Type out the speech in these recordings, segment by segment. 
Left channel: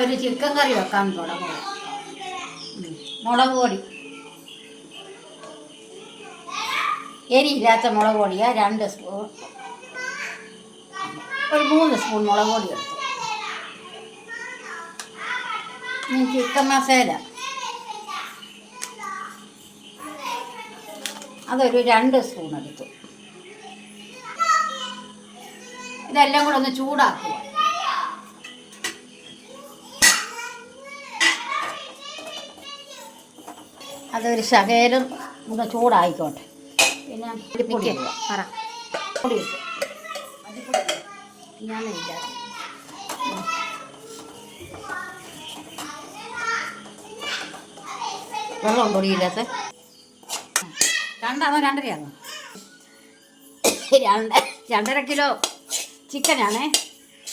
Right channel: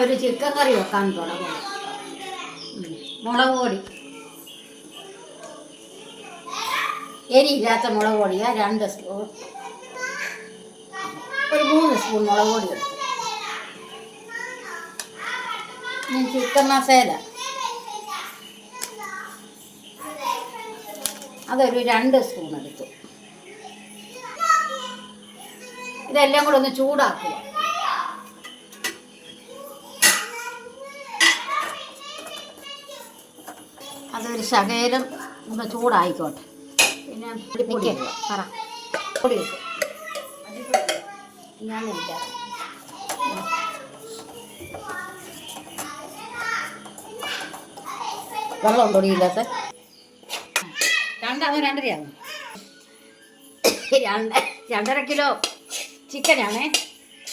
ഒരു ചിക്കൻ കറി വെക്കാൻ തുടങ്ങും. മുളക് പൊടി, എരിയില്ലാത്ത മുളക് പൊടിയാണ് 2 സ്പൂൺ, ഒരു 3 സ്പൂൺ മുളക് പൊടി എടുത്തു. ചിക്കൻ മസാല അതൊരു 2 സ്പൂൺ എടുത്തു. ഇതെല്ലാം കൂടെ ഒന്ന് ചൂടാക്കുക. അതൊരു ശകലം ഒന്ന് ചൂടായിക്കോട്ടെ. പിന്നെ പൊടി പറ പൊടി വെക്കും. വെള്ളം പൊടിയില്ലാത്ത 2 2.5 2.5 കിലോ ചിക്കനാണ്.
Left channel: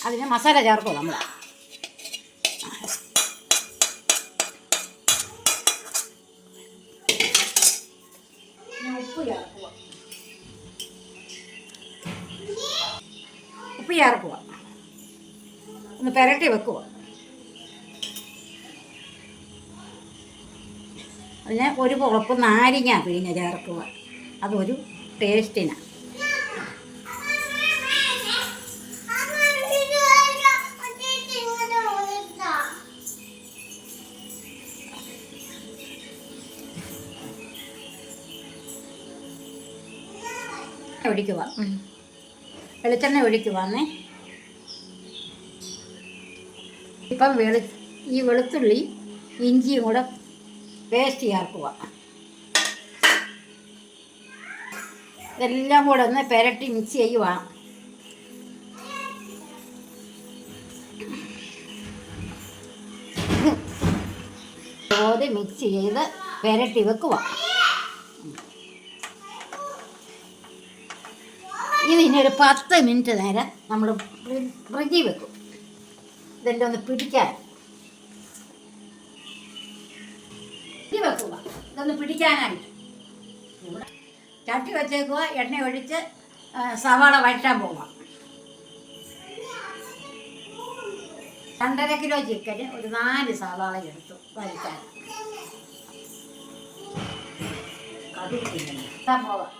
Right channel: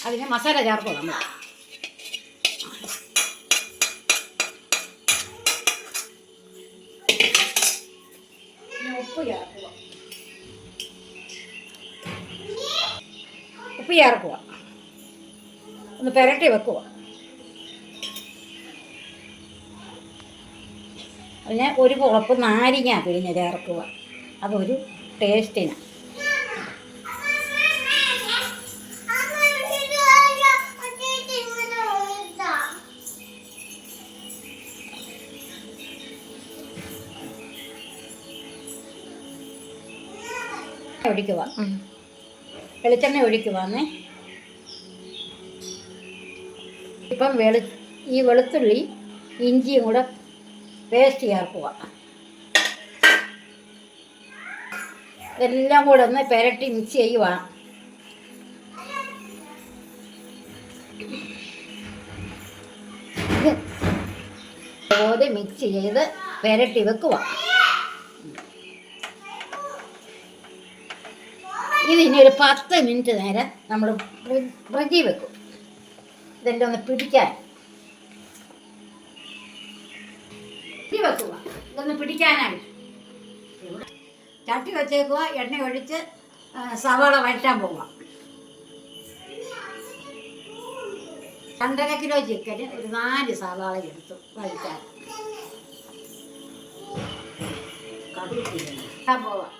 അതിന് മസാല ചേർക്കും നമ്മൾ. ഉപ്പ് ചേർക്കുക. ഒന്ന് പുരട്ടി വെക്കുക. അതിന് ഒരു കുഴപ്പ് നാരങ്ങ പിഴിഞ്ഞ് ചേർക്കുക. അതൊരു ടേസ്റ്റിന്. ഒഴിക്കുക. വെളിച്ചെണ്ണ ഒഴിക്കുവാന്നേ. ഇപ്പം ഈ വെളുത്തുള്ളി ഇഞ്ചിയും കൂടെ പേസ്റ്റ് ചേർക്കുക. എല്ലാം കൂടെ ഒന്ന് പുരട്ടി മിക്സ് ചെയ്യുക. അതുപോലെ മിക്സ് ചെയ്ത് പുരട്ടി വെക്കുക. ഇതിനി ഒരു 10 മിനിറ്റ് നേരം നമ്മൾ ഫ്രിഡ്ജിൽ വെക്കും. ഇതെല്ലാം ഒന്ന് പിടിക്കാൻ വെക്കുക. ഇതൊന്ന് പിടിക്കാനായിട്ട് ചട്ടി വെച്ചേക്കുക. എണ്ണ ഒഴിച്ച് സവാള വഴറ്റാൻ പോവാം. 2.5 കിലോ ചിക്കന് ഒരു 4 സവാള എടുത്തു വഴറ്റാൻ. പോവാം.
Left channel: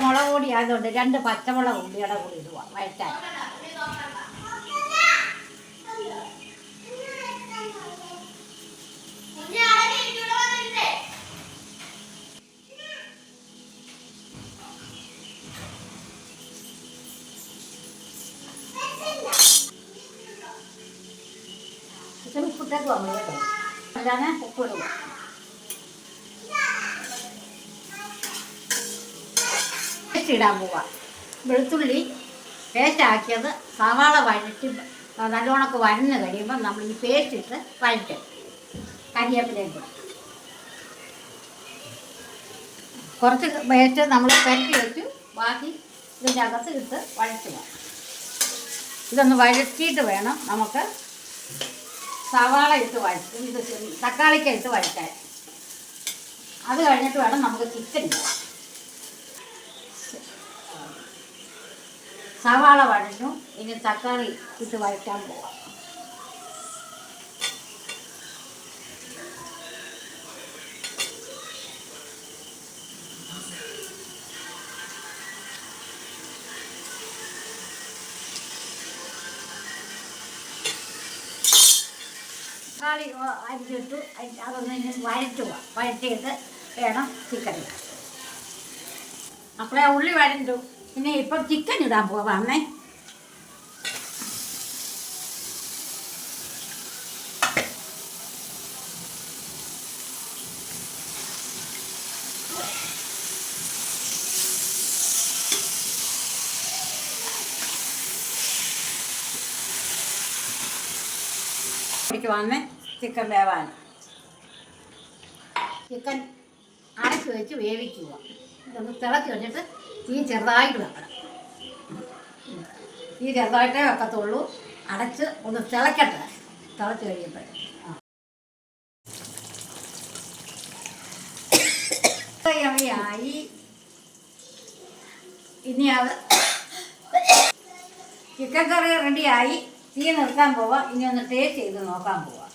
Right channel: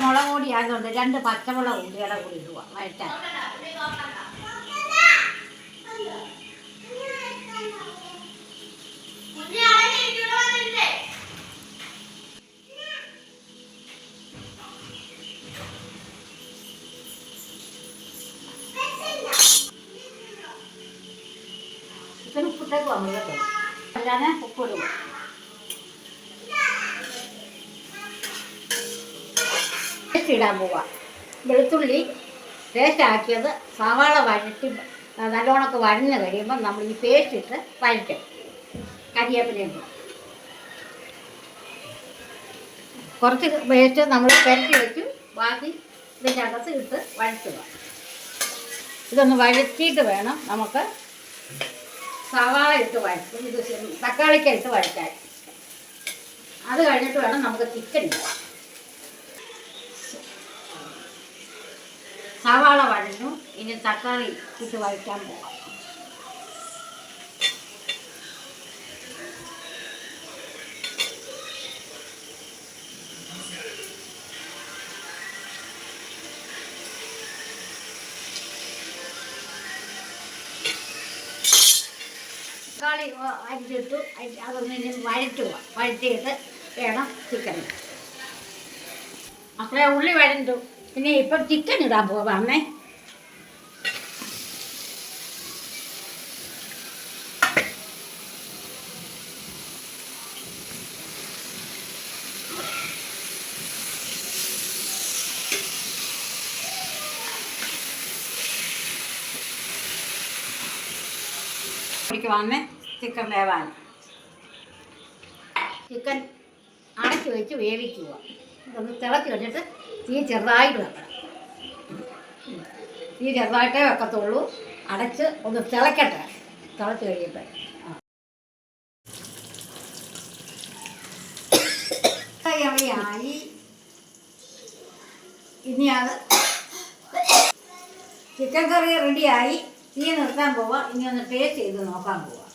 മുളക് പൊടി ആയതുകൊണ്ട് 2 പച്ചമുളക് ഉള്ളിയുടെ കൂടി ഇടുക വഴറ്റാൻ. ചിക്കൻ ഉപ്പിട്ടേക്ക് നമ്മൾ കേട്ടോ. അല്ലാതെ ഉപ്പിടുക. ഇടാൻ പോവുക. വെളുത്തുള്ളി പേസ്റ്റ് ആക്കിയത് സവാള വഴറ്റി നല്ലോണമൊക്കെ വഴന്ന് കഴിയുമ്പോൾ നമ്മൾ ഈ പേസ്റ്റ് ഇട്ട് വഴറ്റും. കരിവേപ്പിലയും കുറച്ച് പേസ്റ്റ് നമ്മൾ പുരട്ടി വെച്ചു. ബാക്കി ഇതിൻ്റെ അകത്ത് ഇട്ട് വഴറ്റുക. ഇതൊന്ന് വഴറ്റിയിട്ട് വേണം നമുക്ക് സവാള ഇട്ട് വഴറ്റും. ഇത് തക്കാളിക്ക ഇട്ട് വഴറ്റാൻ. അത് കഴിഞ്ഞിട്ട് വേണം നമുക്ക് ചിക്കൻ ഇടാം. സവാള വഴഞ്ഞു. ഇനി തക്കാളി ഇട്ട് വഴറ്റാൻ പോകാം. തക്കാളി അരിച്ചിട്ടു. അതൊന്ന് വഴറ്റുക. വഴറ്റിയിട്ട് വേണം ചിക്കൻ. അപ്പോഴേ ഉള്ളി വഴണ്ടു. പിന്നെ ഇപ്പം ചിക്കൻ ഇടാൻ പോവാമേ. വന്ന് ചിക്കൻ വേവാൻ ചിക്കൻ അടച്ച് വെച്ച് വേവിക്കുക. ഇതൊന്ന് തിളച്ച് വെച്ചിട്ട് തീ ചെറുതായിട്ട് വെക്കണം. തീ ചെറുതായിട്ടേ വെക്കത്തുള്ളൂ. അടച്ച് ഒന്ന് തിളക്കട്ടെ. തിളച്ച് കഴിയുമ്പോൾ കറിയായി. ഇനി അത് ചിക്കൻ കറി റെഡിയായി. തീ നിർത്താൻ പോവാം. ഇനി ഒന്ന് ടേസ്റ്റ് ചെയ്ത് നോക്കാൻ പോവാം.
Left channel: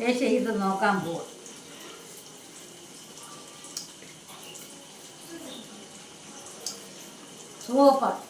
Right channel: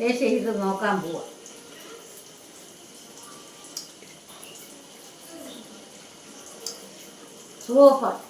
ടേസ്റ്റ് ചെയ്ത് നോക്കാൻ പോവാം. സൂപ്പർ.